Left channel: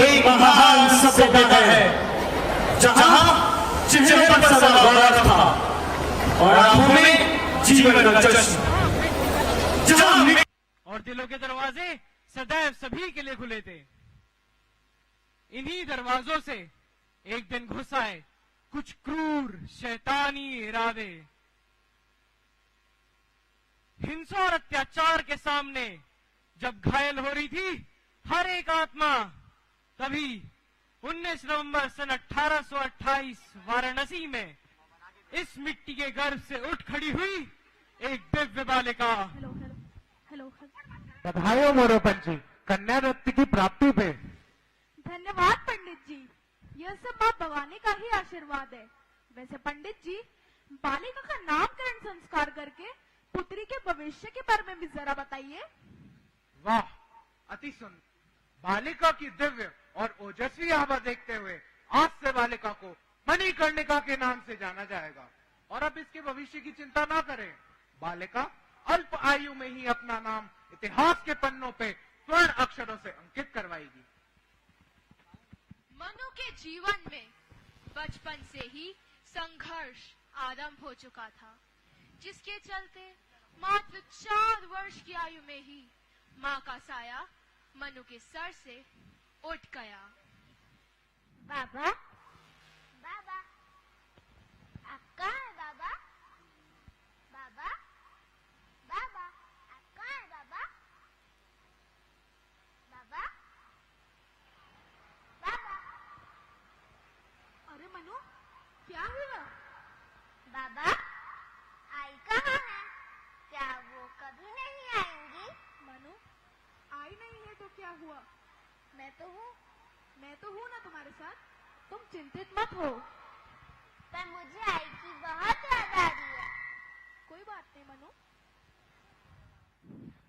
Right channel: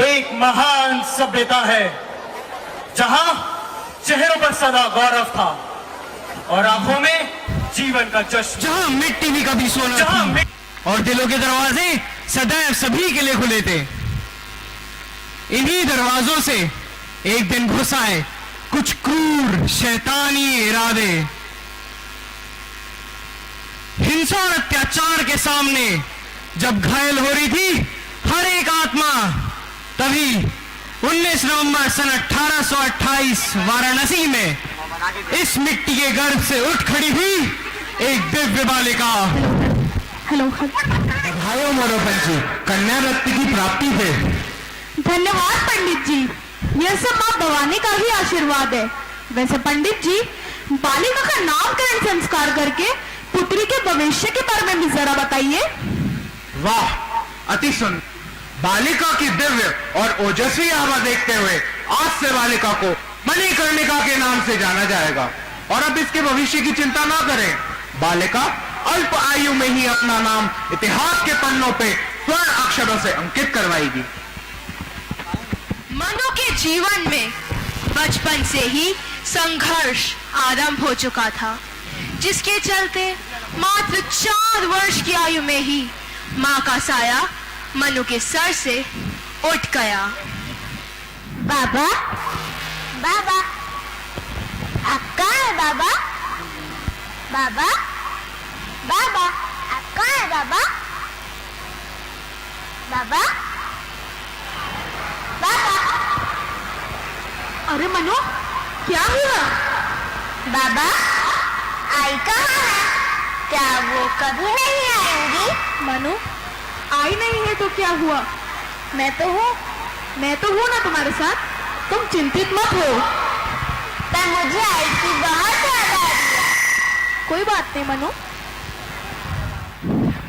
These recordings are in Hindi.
एक महान सभ्यता है जहां चेहरे पर सदा गौरव था और आंखों में जीवन का जश्न, जहां मिट्टी भी कभी सोना और दिलों के दरवाजे सदैव सभी के लिए खुले थे। इन्हीं दरवाजों से एक दिन घुस आए कुछ क्रूर शैतानी इरादे। हिंसा और अत्याचार के सामने जब घायल हो रही थी हर एक आत्मा, तभी 19 नवंबर सन 1828 वाराणसी में इस मिट्टी के गर्भ से उठ खड़ी हुई एक दिव्य बालिका। हेलो बधाई मोरोपंत जी, कन्या रत्न की प्राप्ति पे। धन्यवाद पंडित जी, यह सब माँ भवानी का ही आशीर्वाद है। वैसे पंडित जी, बालिका का नामकरण संस्कार करके पुत्री के भविष्य के बारे में भी जरा बताइए। वाह, अति सुंदर। बालिका की दिव्य और ओजस्वी आभा देखते हुए आज से बालिका को मणिकर्णिका के नाम से जाना जाएगा। और अब इसके भविष्य की चिंता ना करें, बालिका अल्प आयु में ही अपना नाम इतिहास के पन्नों पे स्वर्ण अक्षरों से अंकित करवाएगी। मनु के जीवन में बचपन से ही संघर्ष आरंभ हो चुका था, जिसके चलते मात्र 4 वर्ष की आयु में ही मां का साया मनु के सर से उठ गया। बाबा, बाबा, आप कहाँ है बाबा? बाबा, बाबा, आप कहाँ है बाबा? बाबा, बाबा। अरे मनु, क्या हुआ? बाबा, आई कहाँ है? क्या वो कभी नहीं आएंगी? मनु, आई नहीं है तो क्या हुआ? मैं तो हूँ ना तुम्हारे साथ, तुम चिंतित मत हो। पर मुझे आई की बहुत याद आ रही है। कोई बात नहीं मनु।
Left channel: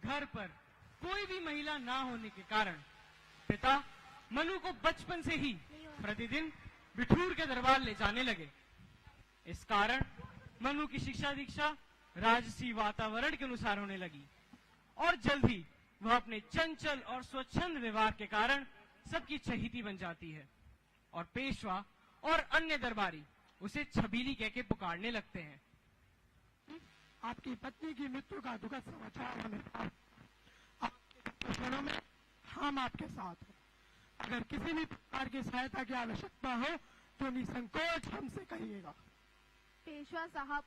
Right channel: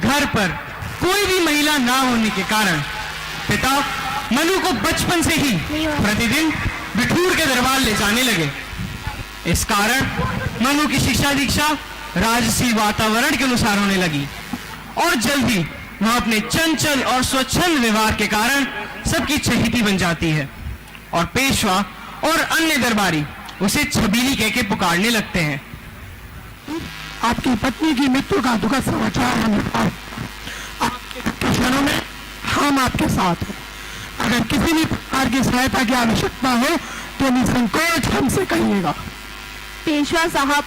घर पर कोई भी महिला ना होने के कारण पिता मनु को बचपन से ही प्रतिदिन बिठूर के दरबार ले जाने लगे। इस कारण मनु की शिक्षा दीक्षा राजसी वातावरण के अनुसार होने लगी और जल्द ही वह अपने चंचल और स्वच्छंद व्यवहार के कारण सबकी चहेती बन जाती है और पेशवा और अन्य दरबारी उसे छबीली कह के पुकारने लगते हैं। आपकी पत्नी की मृत्यु का दुखद समाचार हमें आपके क्षणों में हम आपके साथ हैं। अगर किसी भी प्रकार की सहायता की आवश्यकता हो तो निसंकोच हमसे कहिएगा। पेशवा साहब,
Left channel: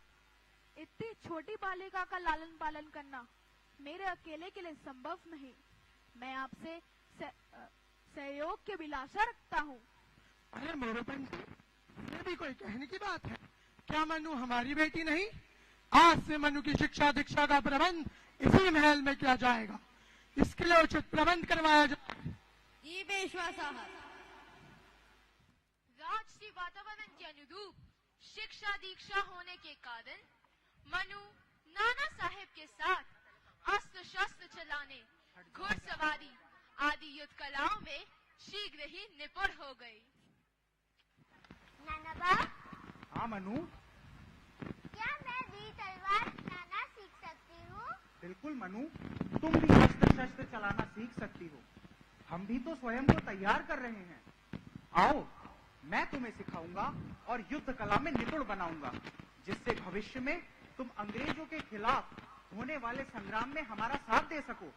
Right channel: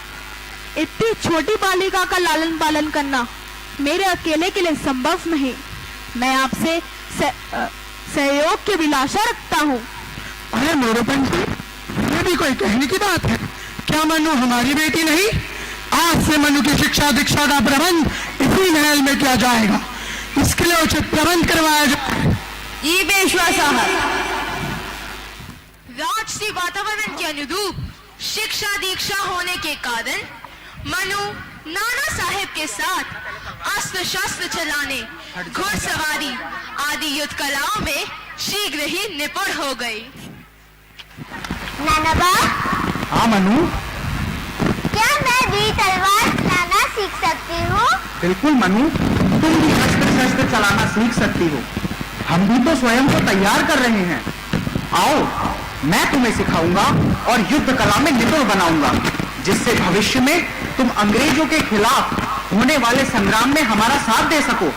इतनी छोटी बालिका का लालन पालन करना मेरे अकेले के लिए संभव नहीं। मैं आपसे सहयोग की अभिलाषा रखता हूँ। अरे मोरोपंत जी, ये भी कोई कहने की बात है? क्या मनु हमारी बेटी नहीं? आज से मनु की शिक्षा दीक्षा का प्रबंध इसी महल में किया जाएगा। इसके लिए उचित प्रबंध करवाया जाए। ये पेशवा साहब, राजसी वातावरण के अनुरूप शिक्षा दीक्षा होने के कारण मनु नाना साहेब के साथ अस्त्र शस्त्र चलाने, घुड़सवारी आदि युद्ध कलाओं में शीघ्र ही निपुण हो गई। नाना बा, हाँ मनु, क्या मैं भी तलवार चलाना सीख सकती हूँ? बिल्कुल मनु, तुम भी अस्त्र शस्त्र चलाना सीख सकती हो। हम भी तो स्वयं को तैयार कर रहे हैं। आओ, मैं तुम्हें सिखाऊंगा और युद्ध कला में निपुण बनाऊंगा, जिससे भविष्य में तुम अंग्रेजों के खिलाफ होने वाले संग्राम में हमारा साथ दे सको।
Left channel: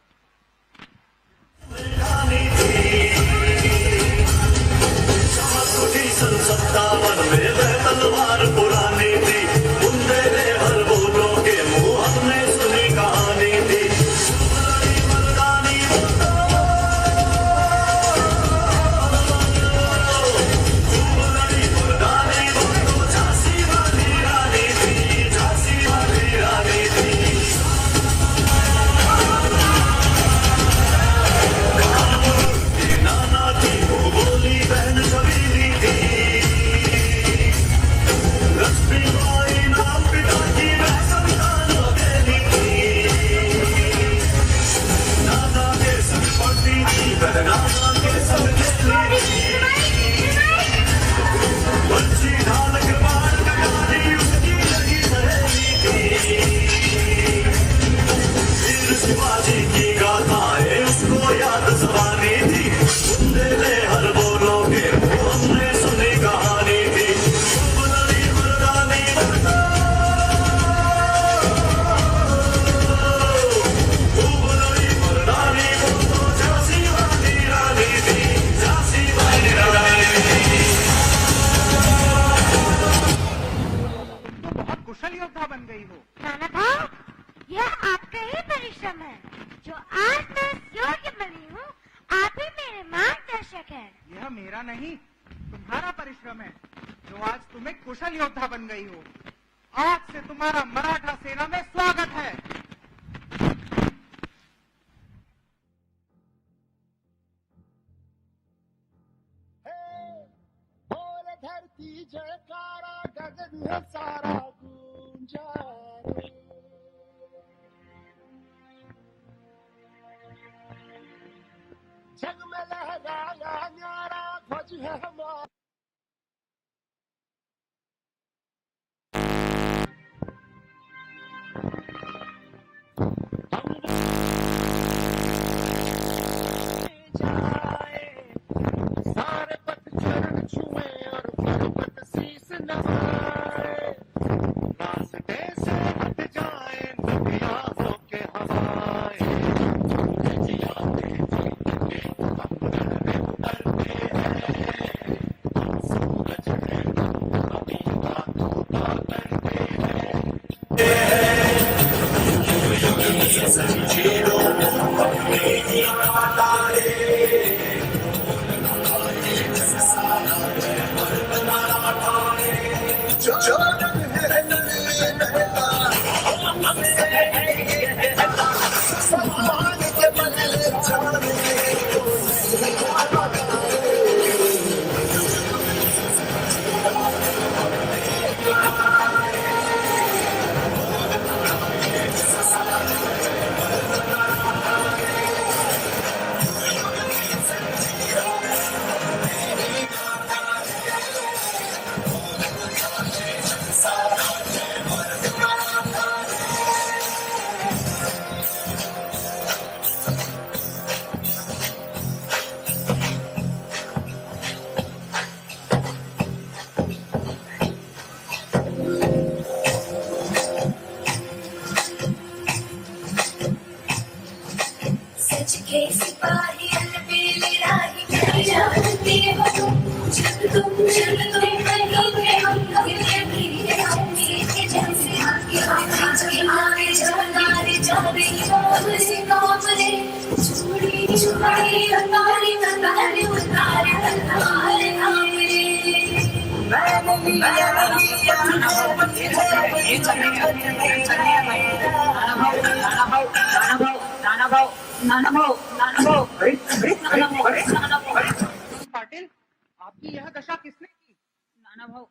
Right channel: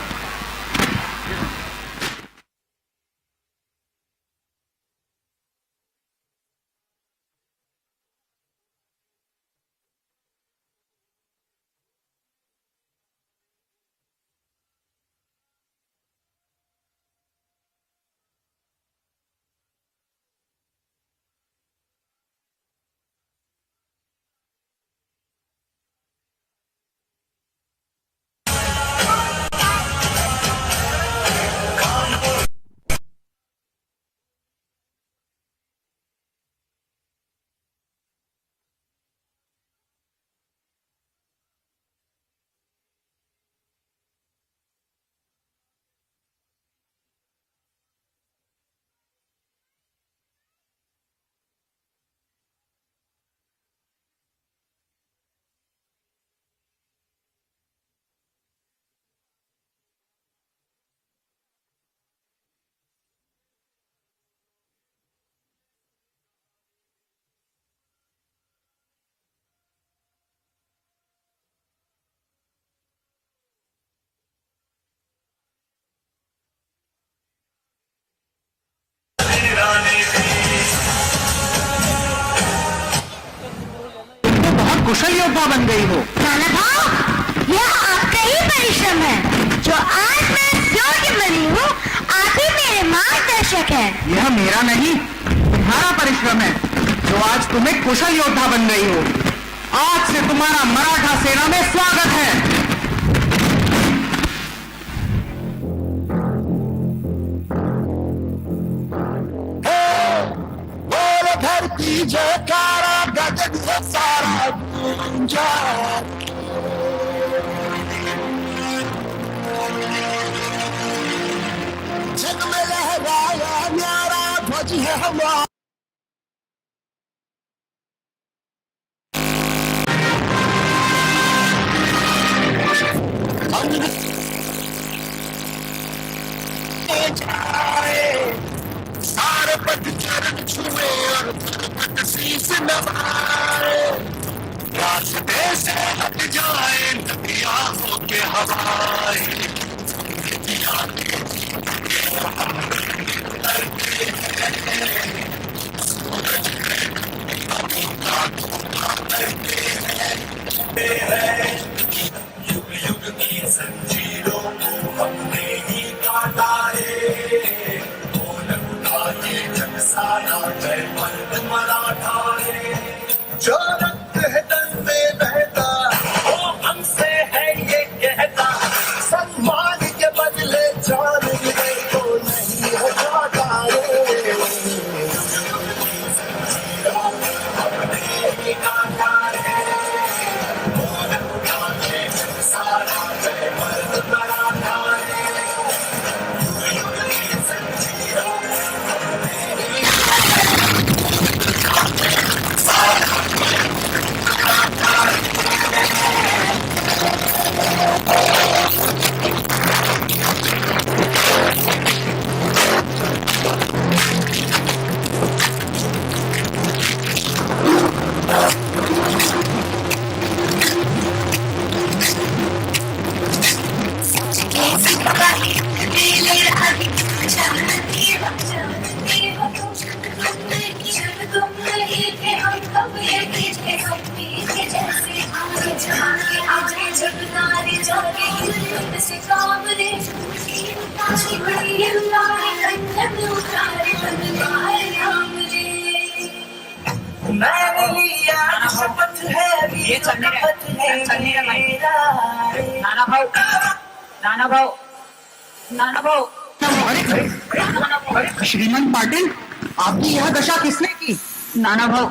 कुशल योद्धा बन गई हो। नाना भाव, यह आपका ही परिश्रम है। जो आज मैं योग्य बनी हूँ, आप ही मेरे मार्गदर्शक हैं। यह मेरा नहीं, तुम्हारा परिश्रम है जो आज तुम्हें कुशल योद्धा बन गई हो। आज से तुम्हारा मराठा सेना में स्वागत है। धरती जयकारा गगन है सारा गूंजा। जग में लहराया न्यारा ध्वज है हमारा। सारे पद चरण छुए और पर्वत शीस नवाए। रास्ते से हट जाए नदियां होके हवाएं। सूरज संजीरो अपने ही काटा जो रंग है नल में बहता, वो हमसे है ये कहता। सम्मान के बदले जान मिले तो नहीं हो जाता श्रीमंत पाटिल, आपकी यह दशा किसने की? नाना भाव,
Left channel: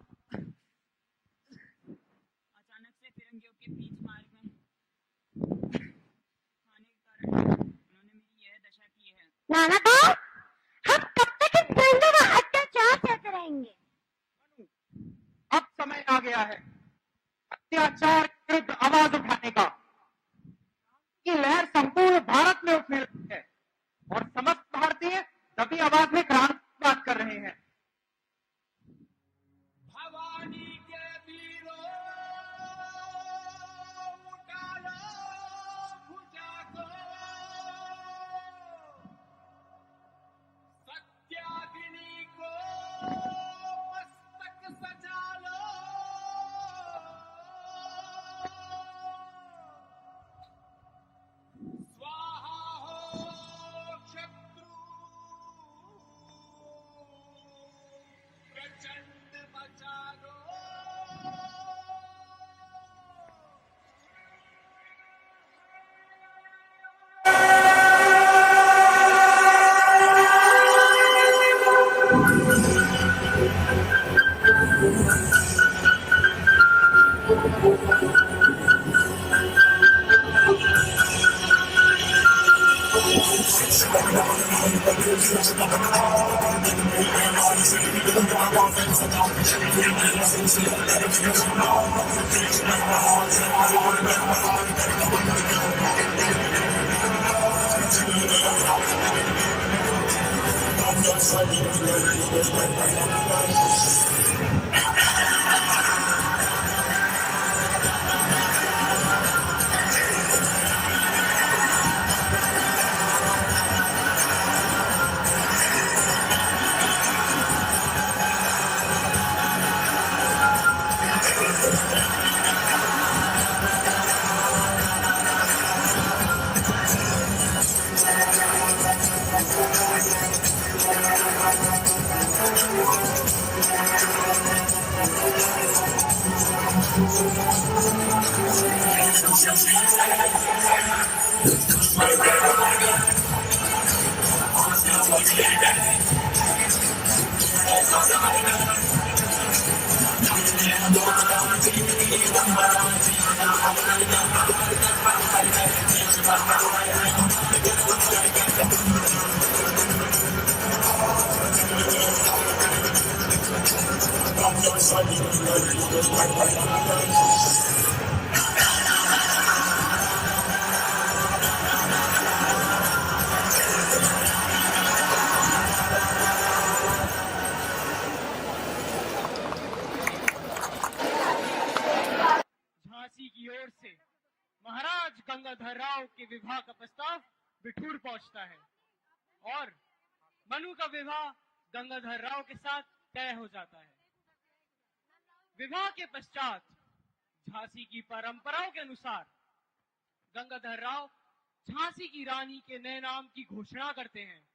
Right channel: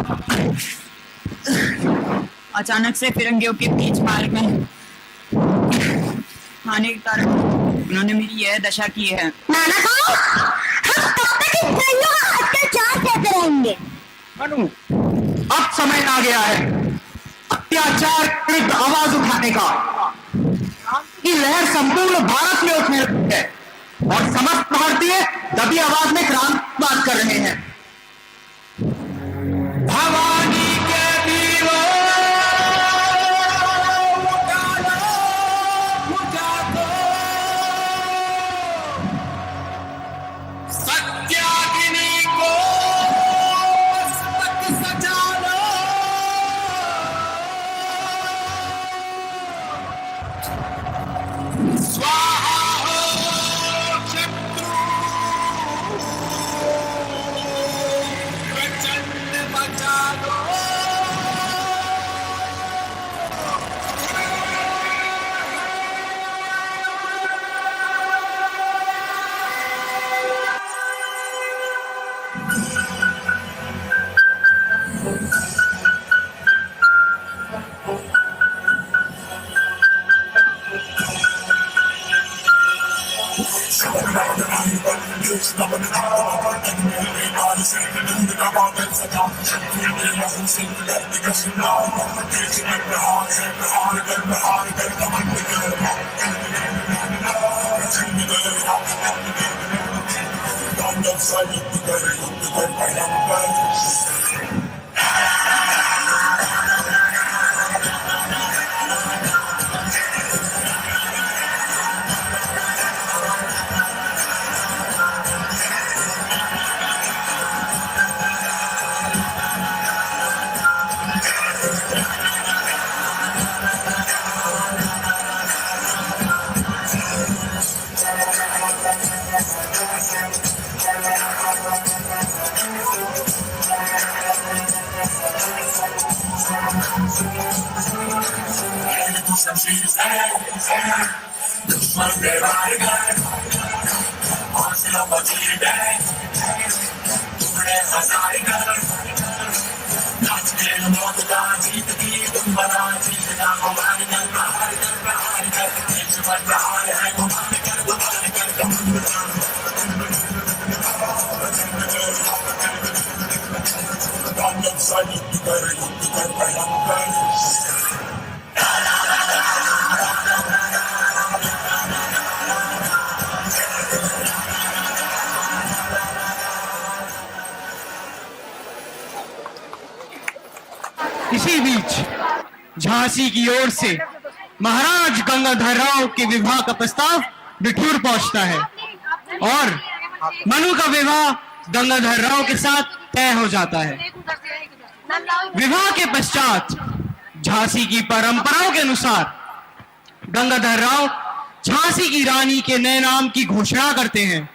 अचानक से फिरंगियों के बीच मार्ग में आने के कारण उन्होंने मेरी यह दशा की है। नाना भाव, हम तब तक इन भाइयों का अत्याचार सहते रहेंगे। मनु, अब समय आ गया है अत्याचार विरुद्ध आवाज उठाने का। की लहर संपूर्ण भारत में उठने लगी है और समस्त भारतीय दबी आवाज में क्रांति बात कर रहे हैं। भवानी के वीरों, उजालो, उजालो, सत्याग्नि को मस्तक सजा लो। स्वाहा हो शत्रु, प्रचंड बचा दो। इसी बीच झांसी की ओर से महाराज गंगाधर राव के विवाह का प्रस्ताव बिठूर पहुंचता है और मनु का विवाह गंगाधर राव के साथ तय हो जाता है। विवाह के पश्चात झांसी की परंपराओं के अनुसार गंगाधर राव झांसी की रानी के नए नाम की घोषणा करते हैं।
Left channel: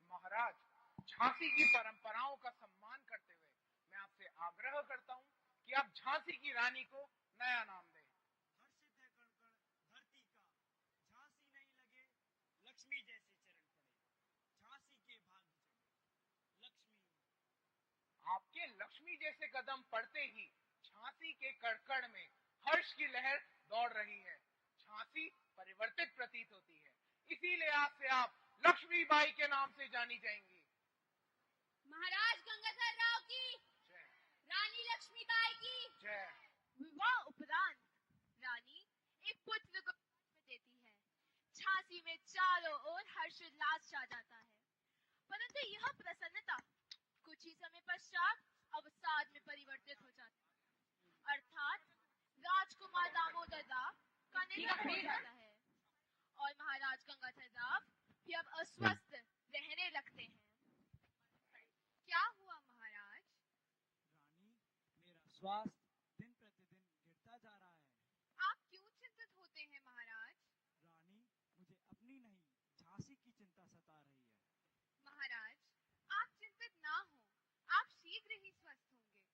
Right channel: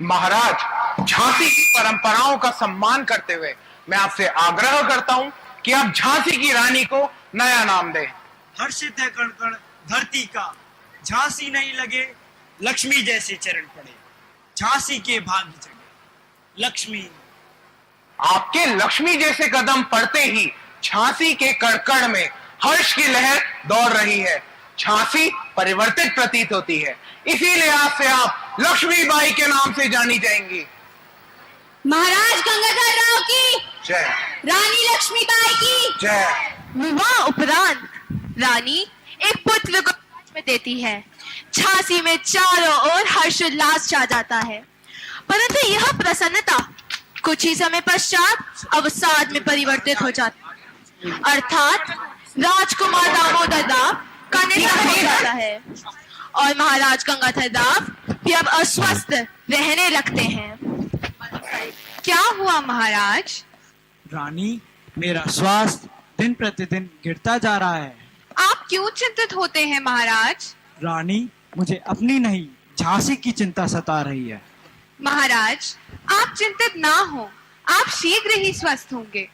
महाराज, झांसी की परंपराओं का सम्मान करते हुए मैं आपसे आग्रह करता हूं कि आप झांसी की रानी को नया नाम दें। हर्षित है कण कण धरती का, झांसी नहीं लगे लक्ष्मी जैसे चरण पड़े, झांसी के भाग्य जगे लक्ष्मी। आपके लक्ष्मी जैसे कदम पड़ते ही झांसी के कण में हर्ष की लहर दौड़ रही है। झांसी परिवर्तित प्रतीत होती है, इसीलिए आज से आप लक्ष्मीबाई के नाम से जानी जाएंगी। महाराज गंगाधर राव की जय। रानी लक्ष्मीबाई की जय। विवाह उपरांत रानी एक पुत्र को राज में देती है। झांसी में चारों ओर हर्षोल्लास छा जाता है, परंतु यह प्रसन्नता कुछ ही समय पश्चात अवसाद में परिवर्तित हो जाती है, अर्थात राजकुमार दामोदर राव का निधन हो जाता है और महाराज गंगाधर राव भी अब अस्वस्थ रहने लगते हैं। क्या हुआ महाराज? रानी, मेरा स्वास्थ्य दिन प्रतिदिन गिरता जा रहा है। आप क्यों चिंतित होते हैं महाराज? रानी, मुझे अपनी नहीं झांसी की चिंता सता रही है। महाराज, आप चिंतित ना हो, आप शीघ्र ही स्वस्थ होंगे।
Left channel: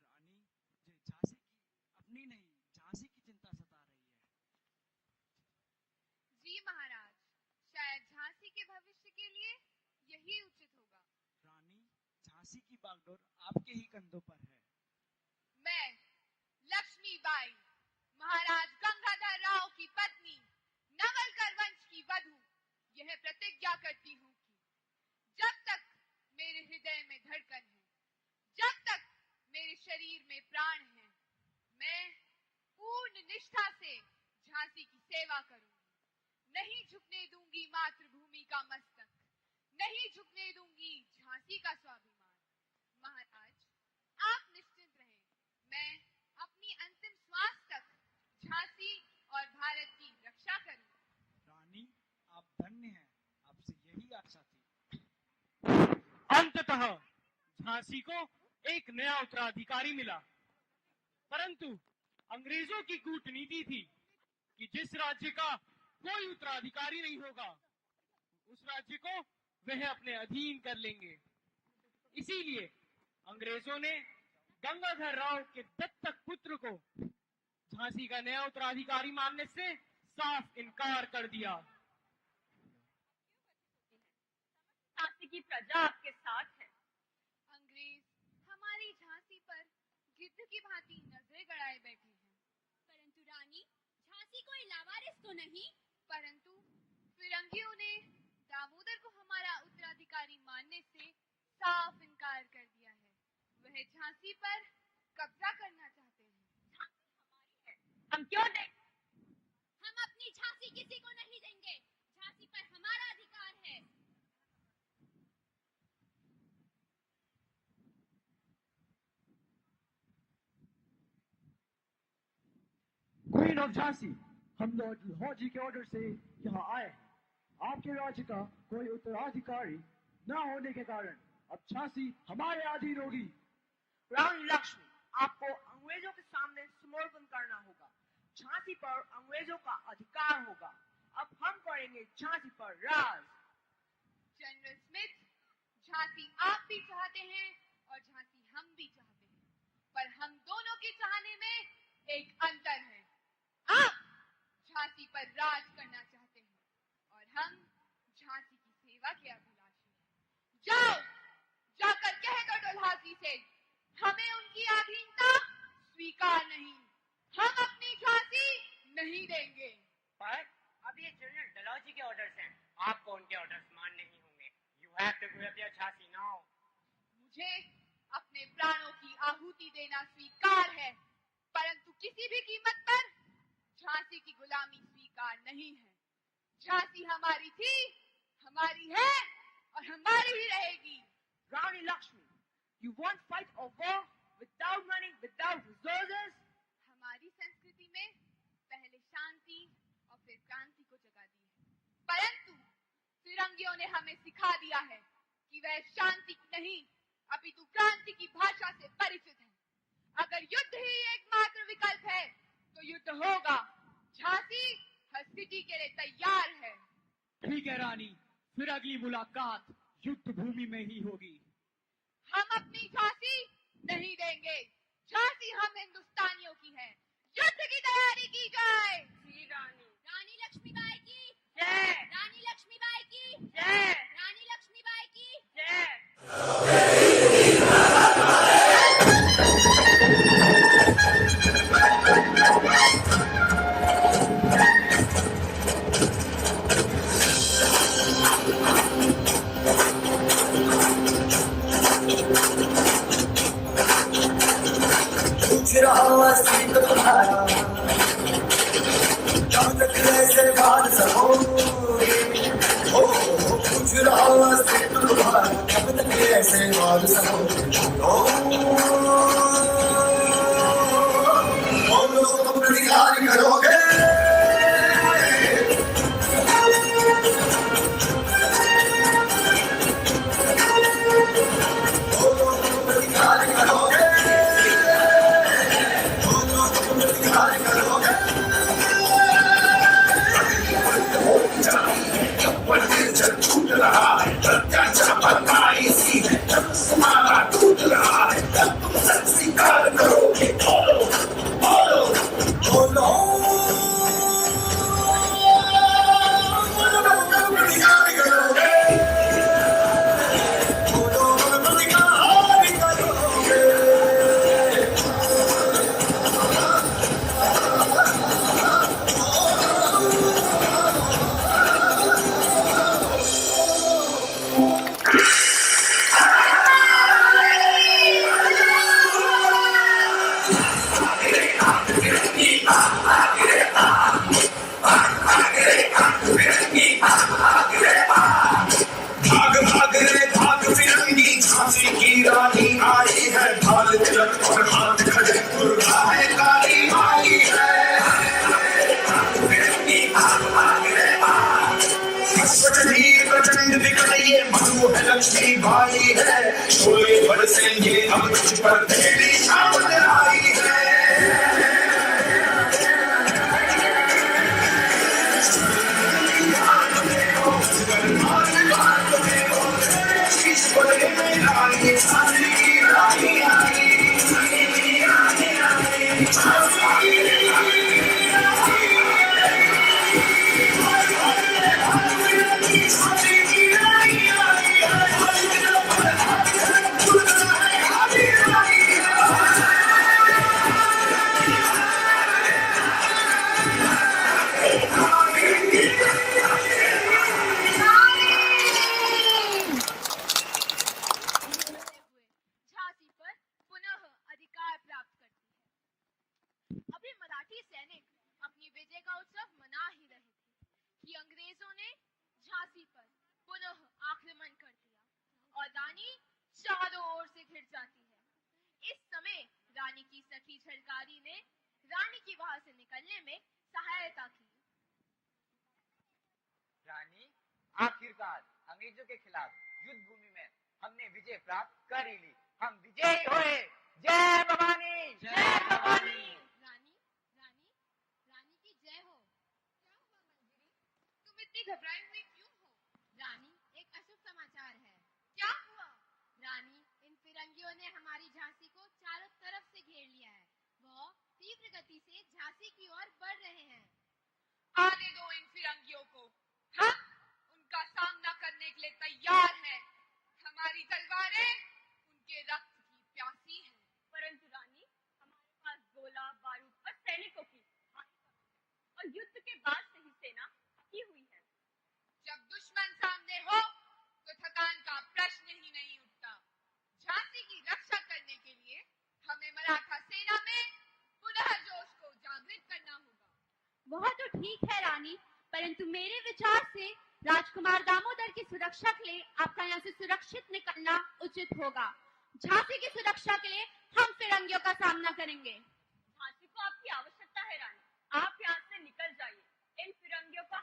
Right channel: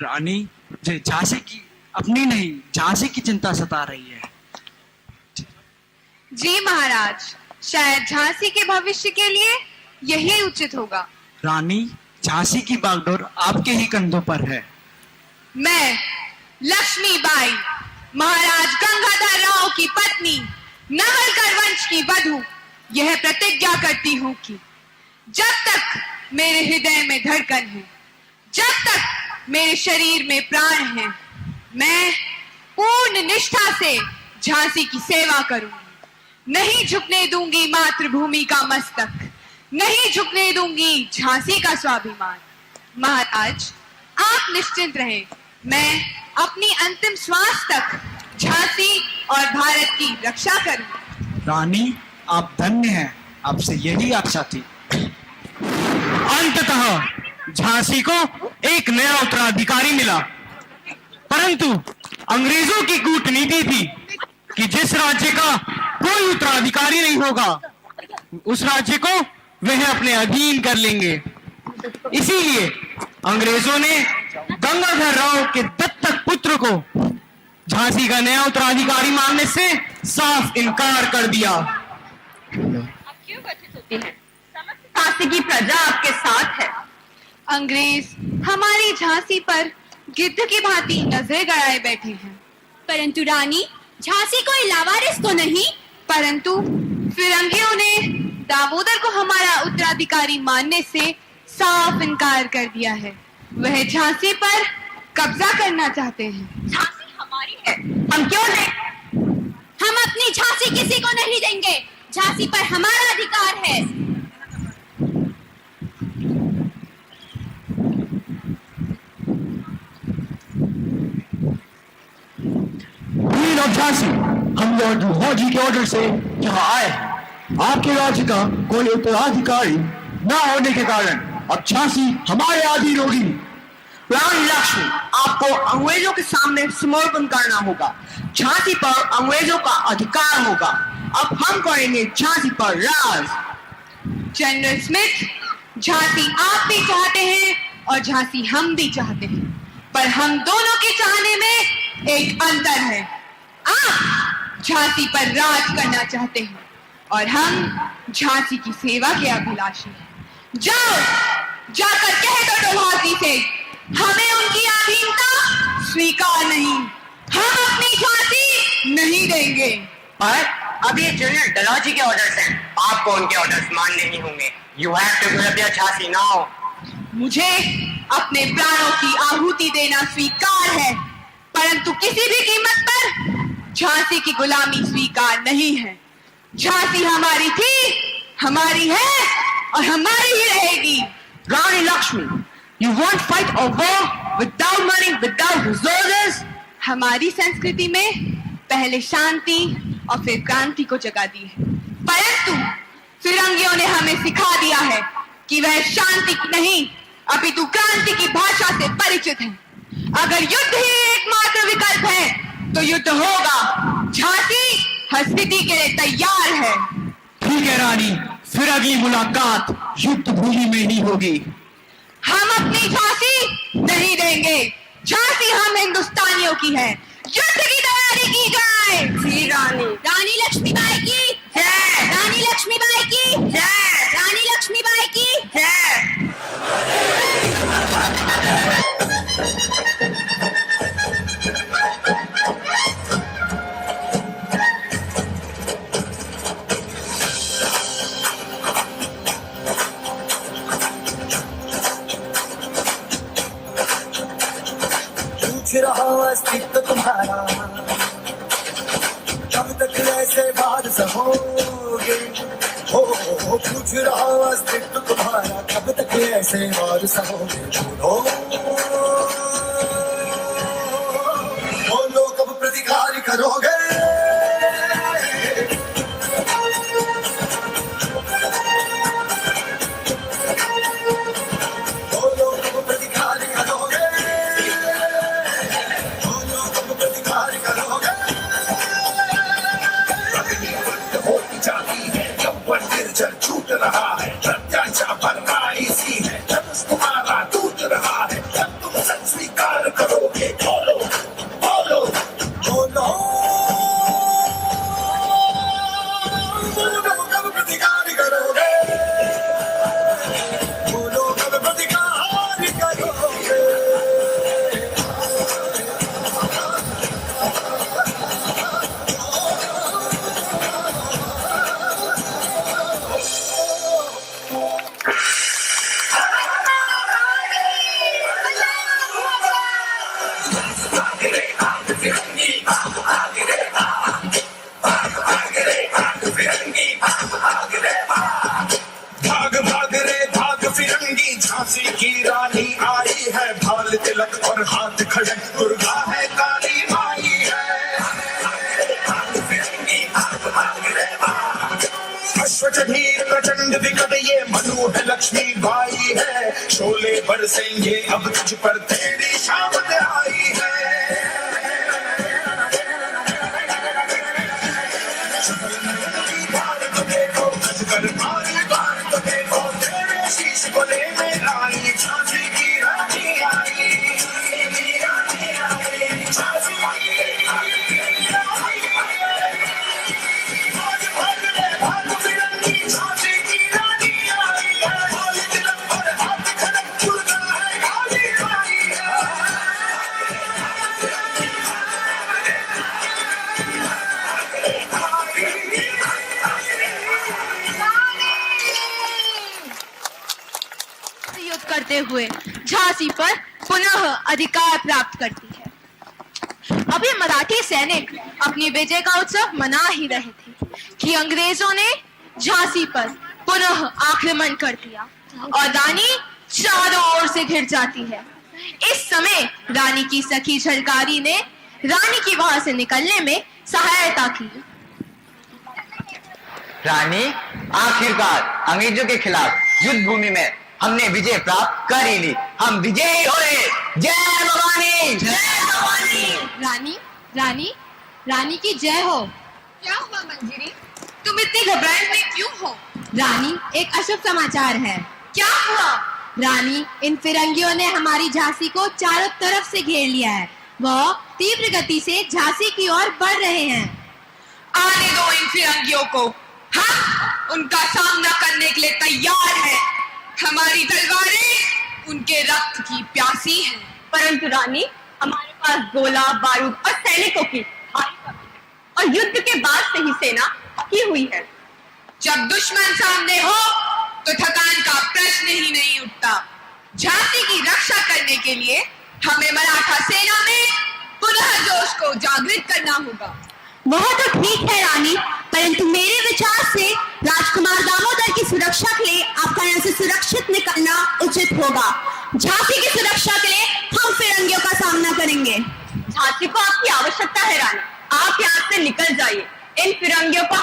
रानी, मुझे झांसी की अपनी नहीं झांसी की चिंता सता रही है। जी महाराज, शायद झांसी के भविष्य के लिए यही उचित होगा। रानी, झांसी की बागडोर आपके ही कंधों पर है। मैं लक्ष्मीबाई, महाराज गंगाधर राव की पत्नी, नाहरकर वंश की वधू, यह प्रतिज्ञा करती हूँ कि जब तक मेरे हृदय में धड़कन है, जब तक मेरे शरीर में प्राण है, मैं पूर्ण निष्ठा से झांसी की सेवा करूंगी। नहीं झुकने दूंगी मातृभूमि का मस्तक, नहीं झुकने दूंगी झांसी का स्वाभिमान। महाराज, आप निश्चिंत रहें, मैं अपनी अंतिम श्वास तक झांसी और भारत की रक्षा करूंगी। रानी, आप धन्य हैं, आपसे यही आशा थी। अंततः झांसी को एक नया उत्तराधिकारी मिला, परंतु अंग्रेजों की कूटनीति थी कि जिस राज्य का कोई उत्तराधिकारी नहीं होगा, उस राज्य को वह अपने अधीन कर लेंगे। इसीलिए अंग्रेजों ने गंगाधर राव के दत्तक पुत्र को झांसी का नया उत्तराधिकारी मानने से साफ इनकार कर दिया। झांसी की प्रजा आपके साथ है। अंग्रेज हमारी झांसी पर गिद्ध की भांति नजरें गड़ाए बैठे हैं। परंतु रानी, झांसी कोई लावारिस तो नहीं? परंतु फिरंगियों ने दामोदर को हमारा उत्तराधिकारी मानने से साफ इनकार कर दिया है। वह झांसी पर कब्जा करना चाहते हैं। झांसी हमारी है, हम क्यों दें? हम अपनी झांसी किसी को नहीं देंगे। झांसी पर हमारा अधिकार है। क्वीन ऑफ झांसी, हम लॉर्ड लाहौर जी के ऑर्डर से यहाँ आए हैं। आपके राज्य का कोई उत्तराधिकारी न होने के कारण अब झांसी हमारे अधीन होगी। रानी लक्ष्मी, आपको अंग्रेजों के सामने समर्पण करना होगा। झांसी पर अंग्रेजों का अधिकार होगा। अब हम करेंगे झांसी पर राज। जनरल स्मिथ, झांसी आप भी चाहते हैं और झांसी हम भी चाहते हैं, पर हम दोनों के चाहने में एक अंतर है। आप झांसी पर राज करना चाहते हैं और हम झांसी की सेवा के अभिलाषी हैं। जाओ, जाकर कह दो डलहौजी से हमें उनकी अधीनता स्वीकार नहीं, हम अपनी झांसी नहीं देंगे। पर अब ये जनरल डलहौजी के ऑर्डर्स हैं, आपको उनके ऑर्डर्स मानने ही होंगे। You have to give up your Jhansi now. मुझे अपने प्राणों की आहुति देना स्वीकार है, परंतु किसी भी कीमत पर झांसी की गुलामी स्वीकार नहीं है। झांसी हमारी थी, हमारी है और हमारी ही रहेगी। रानी Lakshmi, you won't fight a war without money, without resources. हमारी संस्कृति में पहले शांति और फिर क्रांति को जगा दी है, परंतु फिरंगियों ने हमें सिखा दिया है कि वह शांति नहीं अपितु क्रांति की भाषा से परिचित है। अगर युद्ध ही एकमात्र विकल्प है तो युद्ध होगा। झांसी हर स्थिति के लिए तैयार है। ठीक है रानी, फिर अगली मुलाकात युद्ध भूमि में ही होगी। हम अपनी झांसी नहीं देंगे। झांसी हम हिंदुस्तानियों की है। युद्ध की तैयारी की जाए। जी रानी। रानी लक्ष्मीबाई की जय। रानी लक्ष्मीबाई की जय। रानी लक्ष्मीबाई की जय। पूछ रहा अस्तित्व तुम्हारा, कब तक ऐसे बात सहोगे? हो पूछ रहा अस्तित्व तुम्हारा, कब तक ऐसे बात सहोगे? बोलो कब प्रतिकार करोगे? बोलो कब प्रतिकार करोगे? छूट रहा है प्रत्याशा पर सी है, जब तुम्हारा टूट रहा है तब तुम सच स्वीकार करोगे। बोलो बोलो बोलो बोलो कब प्रतिकार करोगे? बोलो कब प्रतिकार करोगे? झांसी की रानी आई है, भाल तिलक और हाथ खड़े, दुर्गा है काली माई है। अश्वचढ़ी प्रचंड विकट ये मनु है, लक्ष्मी बाई है। शोले बरसेंगे अब तुझ पर, तेरी शामत आई है। शीश बने में रानी, झांसी की रानी आई। करते हुए झांसी पर पुनः अधिकार प्राप्त करती है। अभी मराठी सैनिक अपनी विजय का उत्सव मना ही रहे थे कि अंग्रेजों ने झांसी पर पुनः आक्रमण कर दिया और रानी चारों ओर से घिर जाती है। इस समय रानी की सखी झलकारी ने रानी की वहां से निकलने में सहायता की। रानी, आखिरकार अंग्रेजों के खिलाफ युद्ध भूमि में हमने विजय प्राप्त कर ही ली। हम विजयी हुए। जय भवानी, जय भवानी। रानी रानी रानी की जय हो। क्या हुआ मंजरी, तुम इतनी घबराए हुई क्यों हो? रानी, एक अशुभ समाचार है। क्या हुआ? रानी, इन फिरंगियों ने हमारी झांसी को चारों तरफ से घेर लिया है। वह तीव्र गति से झांसी की ओर बढ़ रहे हैं। आने दो इन फिरंगियों को, हम उनका सामना करने के लिए तैयार हैं। हमारी तलवारें उनके रक्त की प्यासी हैं। परंतु रानी, हमारे पास गोला बारूद और सैनिकों की भारी कमी है और युद्ध के बाद से ही सेना पकी हुई है। जब दुश्मन सामने हो तो थकान का प्रश्न ही नहीं उठता। झांसी की रक्षा करने के लिए हमें मराठा सेना में पुनः जोश को जागृत करना होगा। वह तो ठीक है रानी, परंतु मेरे विचार से राजकुमार दामोदर की सुरक्षा के लिए आपका यहाँ से सुरक्षित निकलना उचित होगा। झांसी की सुरक्षा के लिए हम फिरंगियों का सामना करेंगे। झांसी को आपकी आवश्यकता है रानी, आप यहाँ से निकल जाइए। इन फिरंगियों को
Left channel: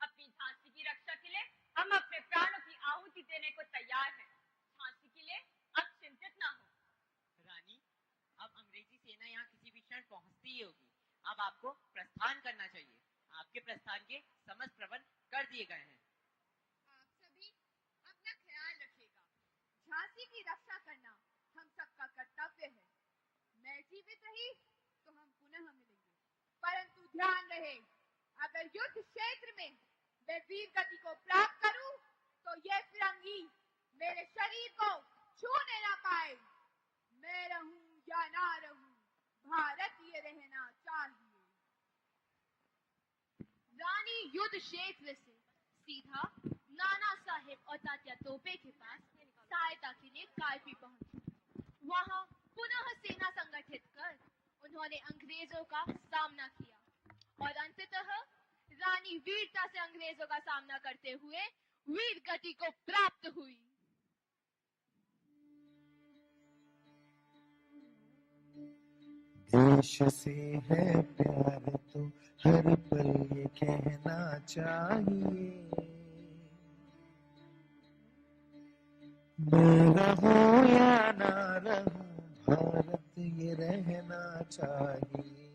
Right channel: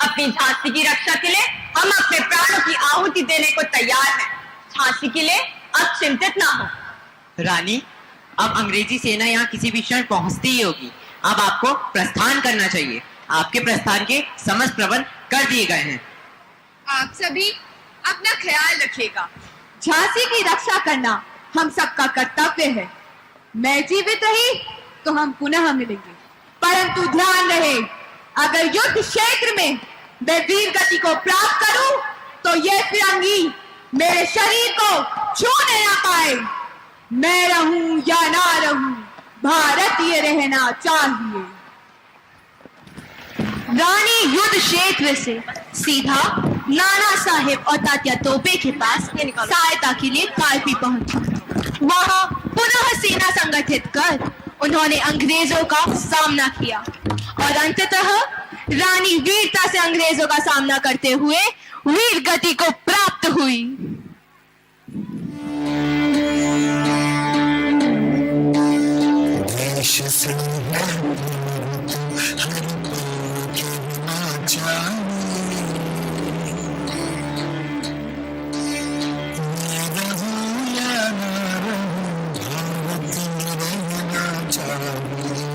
अपनी झांसी की रक्षा के लिए हम अपने प्राणों की आहुति देने को तैयार हैं। झांसी के लिए आप चिंतित ना हो। रानी, अब अंग्रेजी सेना यहाँ किसी भी क्षण पहुंचती ही होगी। अब आपको प्रस्थान करना चाहिए। आपके प्रस्थान के समस्त प्रबंध कर दिए गए हैं। आप सभी अपना ख्याल रखिएगा। झांसी की रक्षा करना हम सबका कर्तव्य है। मैं जीवित रही तो हम पुनः मिलेंगे, परंतु ध्यान रहे, अगर युद्ध क्षेत्र में मैं वीर गति को प्राप्त करूं तो ये फिरंगी मेरे शरीर को छूने ना पाए। मैं रहूं या ना रहूं, भारतीय रहना चाहिए। रानी युद्ध क्षेत्र से सीधा नाना साहेब और तात्या तोपे के पास सहायता के लिए कालपी पहुंची। वहां पुनः सेना संगठित कर उन्होंने अंग्रेजों का सामना किया और अंततः रानी वीरता से अंग्रेजों का सामना करते हुए वीर गति को प्राप्त हुई। देश से है हर पल कहना चाहिए, मैं रहूं या ना रहूं, भारत में रहना चाहिए।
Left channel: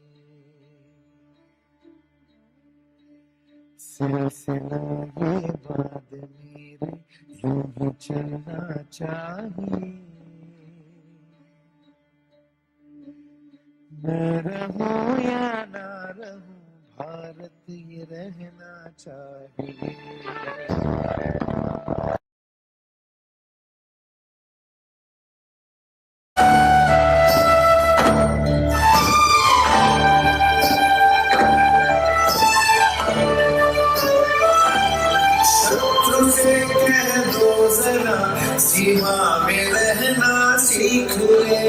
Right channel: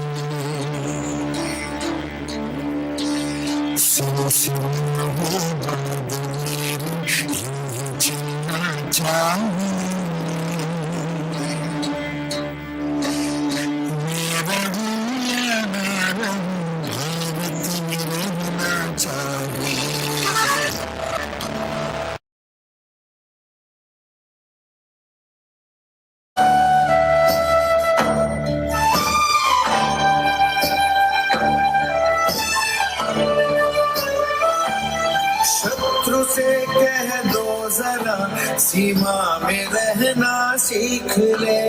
सिलसिला वो बात मेरी यूं ही चलना चाहिए। मैं रहूं या ना रहूं, भारत में रहना चाहिए। शत्रु से कह दो जरा, सीमा में रहना सीख ले।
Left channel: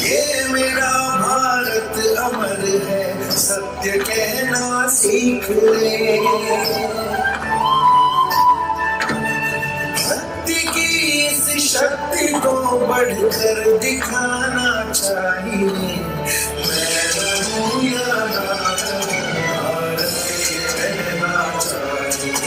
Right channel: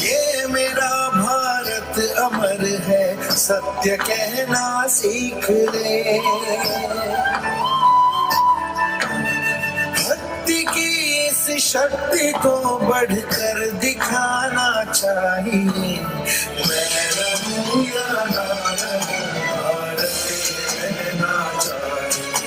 ये मेरा भारत अमर है, सत्य कहना सीख ले। भक्ति की इस शक्ति को बढ़कर दिखाना चाहिए। मैं रहूं या ना रहूं, भारत में रहना चाहिए।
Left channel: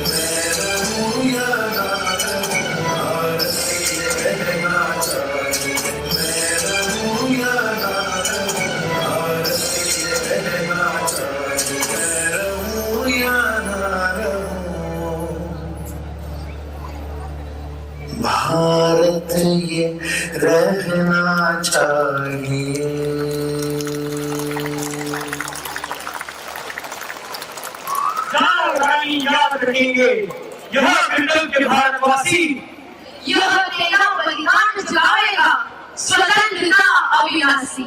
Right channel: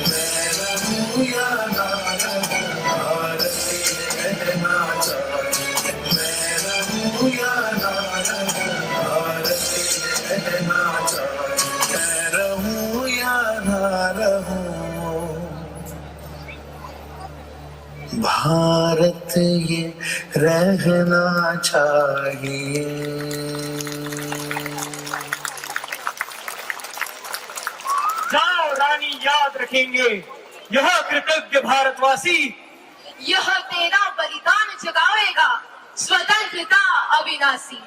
मैं रहूं या ना रहूं, भारत में रहना चाहिए। मैं रहूं या ना रहूं, भारत में रहना चाहिए। मैं रहूं या ना रहूं, भारत ये रहना चाहिए। जाओ रानी, याद रखेंगे यह कृतज्ञ भारतवासी, यह तेरा बलिदान जगावेगा स्वतंत्रता अविनाशी।